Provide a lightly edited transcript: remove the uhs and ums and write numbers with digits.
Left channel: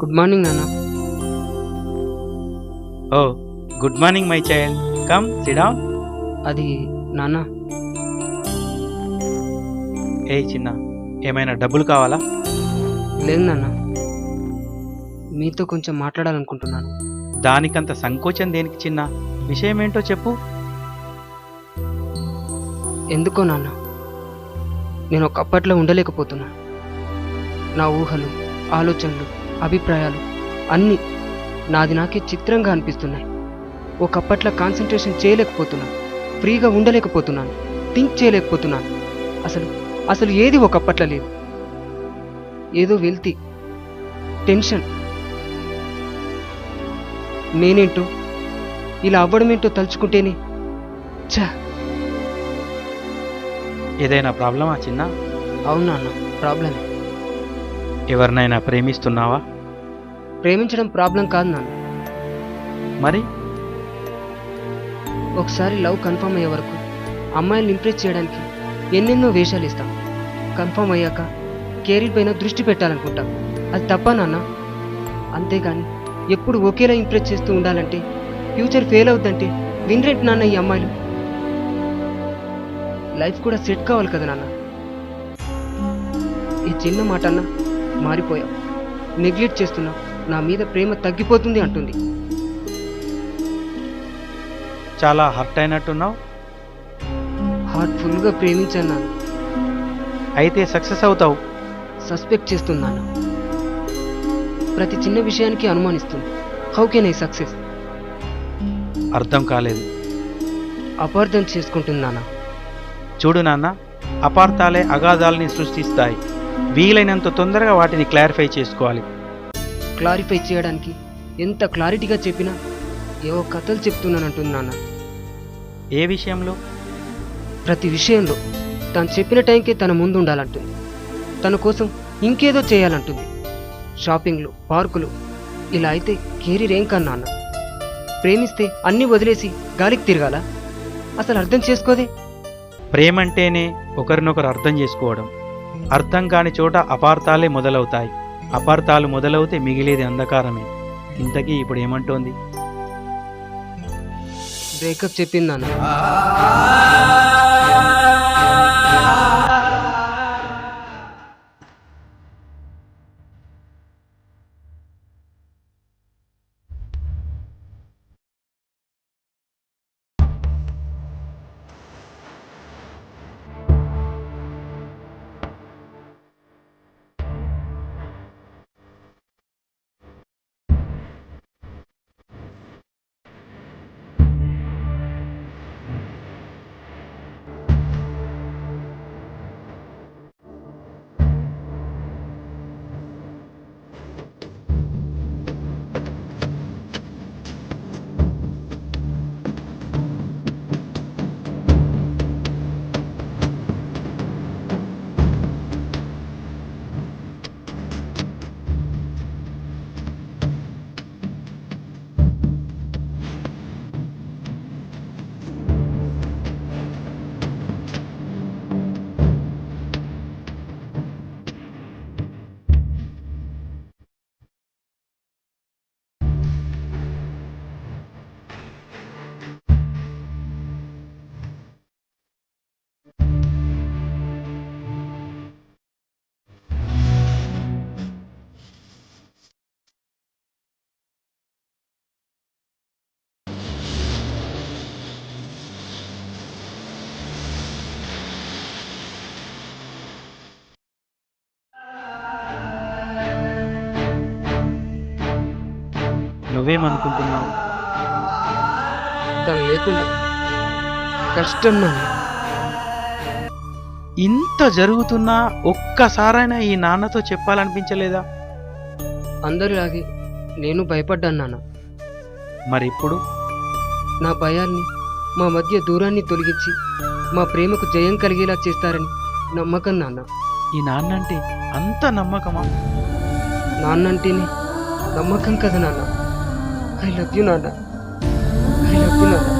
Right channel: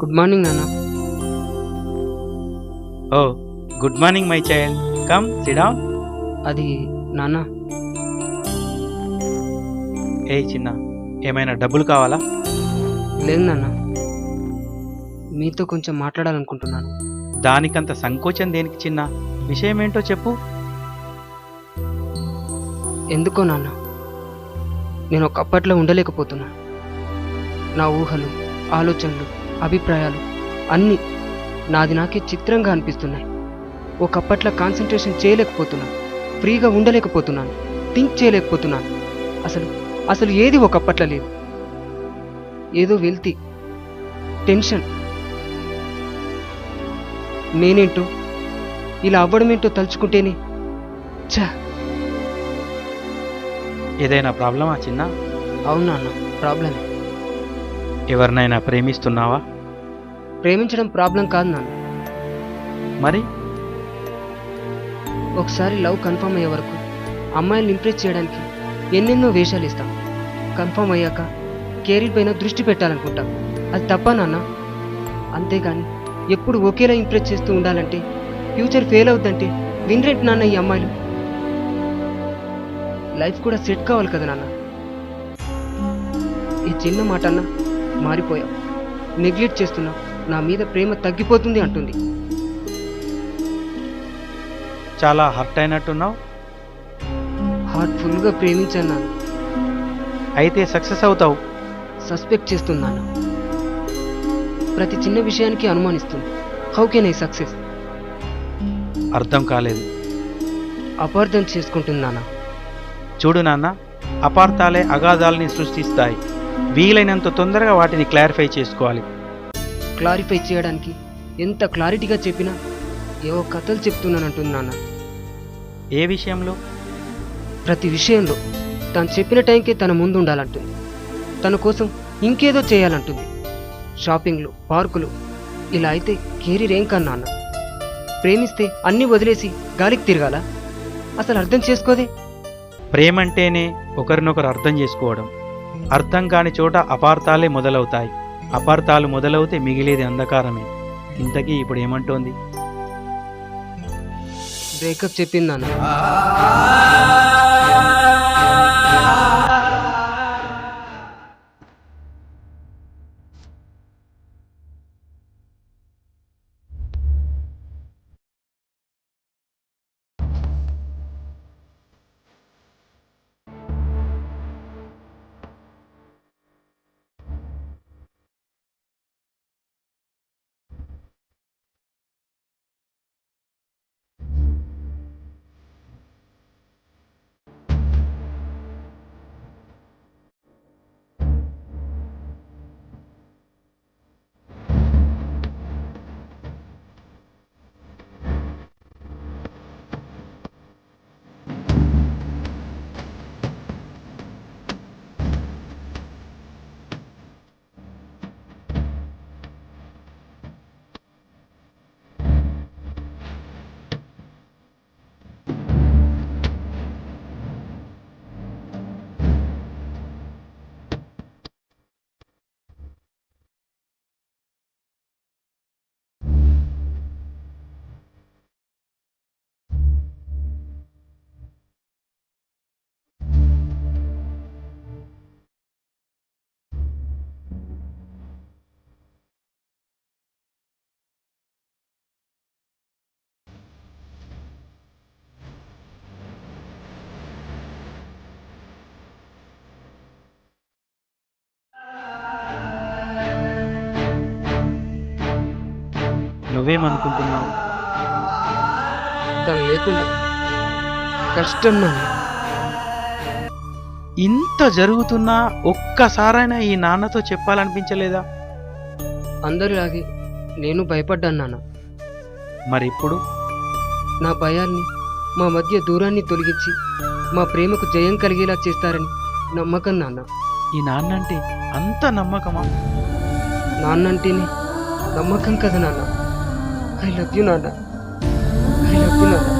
Good morning నాన్న. Oh good morning my child, come sit down. అది నాన్న, ఏ చిన్న, ఏమైనా డబ్బులు కావాలా? లేదు నాన్న, మీతో కొంచెం మాట్లాడాలనుకుంటున్నాను. దానికంత సంకోచం దేనికి చిన్న? విషయం ఏంటో చెప్పు. ఎందుకో నాన్న, నేను ఒకప్పట్లో ఉండలేకపోతున్నా. నా ఊహలు, ఆలోచనలు, అభిప్రాయాలు అన్నీ నాది నాకే చిత్రంగా అనిపిస్తున్నాయి. ఒకప్పట్లో కాన్సన్ట్రేషన్ చేయలేకపోతున్నాను, ఫ్రీగా ఉండలేకపోతున్నాను, థింక్ చేయలేకపోతున్నాను. అసలు అసలు ఏది ఒకప్పట్లో లేదు. ఏదో వెల్తి, టెన్షన్. నేనేంటో ఇలా అవ్వడమేంటో తలుచుకుంటేనే ఛా. ఏదైనా ప్రాబ్లమా చిన్న? అవునా అన్న, ప్రాబ్లమే. ఎవరినైనా ప్రేమిస్తున్నావా? ప్రేమించడం ప్రాబ్లం కాదు నాన్న. మరి ఒకసారి లవ్ కన్ఫర్మ్ అయ్యే వరకు అమ్మాయిల్ని ఇంప్రెస్ చేయడానికి ఎన్నెన్నో వేషాలు ఇస్తాం. కన్ఫర్మ్ అయ్యాక కెరీర్ పైన దృష్టి పెట్టాలనుకుంటాం. అది తప్ప నాన్న? అంతేగాని ఎప్పుడు ఒకేలా ఇంప్రెస్ చేస్తూ ఉండాలంటే ఫ్యూచర్ ఫెయిల్ అవుద్దంటే వినరేంటి నాన్న ఈ అమ్మాయిలు? లైఫ్ కూడా సెట్ కావాలి కదా నాన్న. ఈ చిన్న మాట అన్న మారిపోయావు, నెగ్లెక్ట్ చేస్తున్నావు, నా మీద ప్రేమ తగ్గిపోతుంది అంటుంది. చాలా హర్ట్ అయినట్టున్నావు. హార్ట్ఫుల్గా ప్రేమించాను నాన్న. అయితే సక్సెస్ అవుతావు. సస్పెక్ట్ చేస్తున్నాను. ప్రతి చిన్న విషయానికి అనుమానిస్తుంది. How can I success? అర్థం కాలేదు. అపార్థం చేసుకుంటున్నానా? చూడు నాన్న, అపార్థాలే అగాధాలని సృష్టిస్తాయి. వీలైనంత తొందరగా వాటిని క్లారిఫై చేసుకోవాలి. క్లారిఫై చేయడానికి ఎంత క్లారిటీగా చెప్పినా ఏవో కథలు చెప్తున్నానంటుంది నాన్న. ఏ విషయంలో? ప్రతి విషయంలో తను చెప్పిన టైంకే తన ముందు ఉండాలంటుంది. తన కోసం ఇంకేదో చేయాలంటుంది. షాపింగ్లు, పార్కులు. ఇలా అయితే కెరీర్ ఏం కన్నా అన్న? ప్రేమిస్తే అన్నీ వదిలేసి గాలికి తిరగాల? అసలు అర్థం చేసుకోదే. ప్రేమంటేనే ఒకరినొకరు అర్థం చేసుకోవడం. అర్థం కాని చోట అపార్థాలే మొదలవుతాయి. అపార్థాలు మొదలవుతే మిగిలేది అంధకారమే. ఇంతకీ ఇప్పుడు ఏమంటోంది? బ్రేకప్ చెప్పింది నాన్న. నువ్వేమనుకుంటున్నావు? తను లేకుండా కష్టం నాన్న. ఇంత జరుగుతున్నా ఒక్కసారైనా ఈ నాన్నతో చెప్పాలనిపించలేదా? అందరిలాగే నేను భయపడ్డాను నాన్న. మరి ఇప్పుడు? నా భయాల్ని, మా మధ్య దూరాన్ని తొలగించి మా ప్రేమకు జయం కలిగేలా చేస్తారని నమ్మకం నాన్న. ఈ నాన్నంటే అంత నమ్మకమా? నాన్నంటేనే నమ్మకం కదా నాన్న. ఐ లవ్ యూ నాన్న. ఐ లవ్ యూ నాన్న.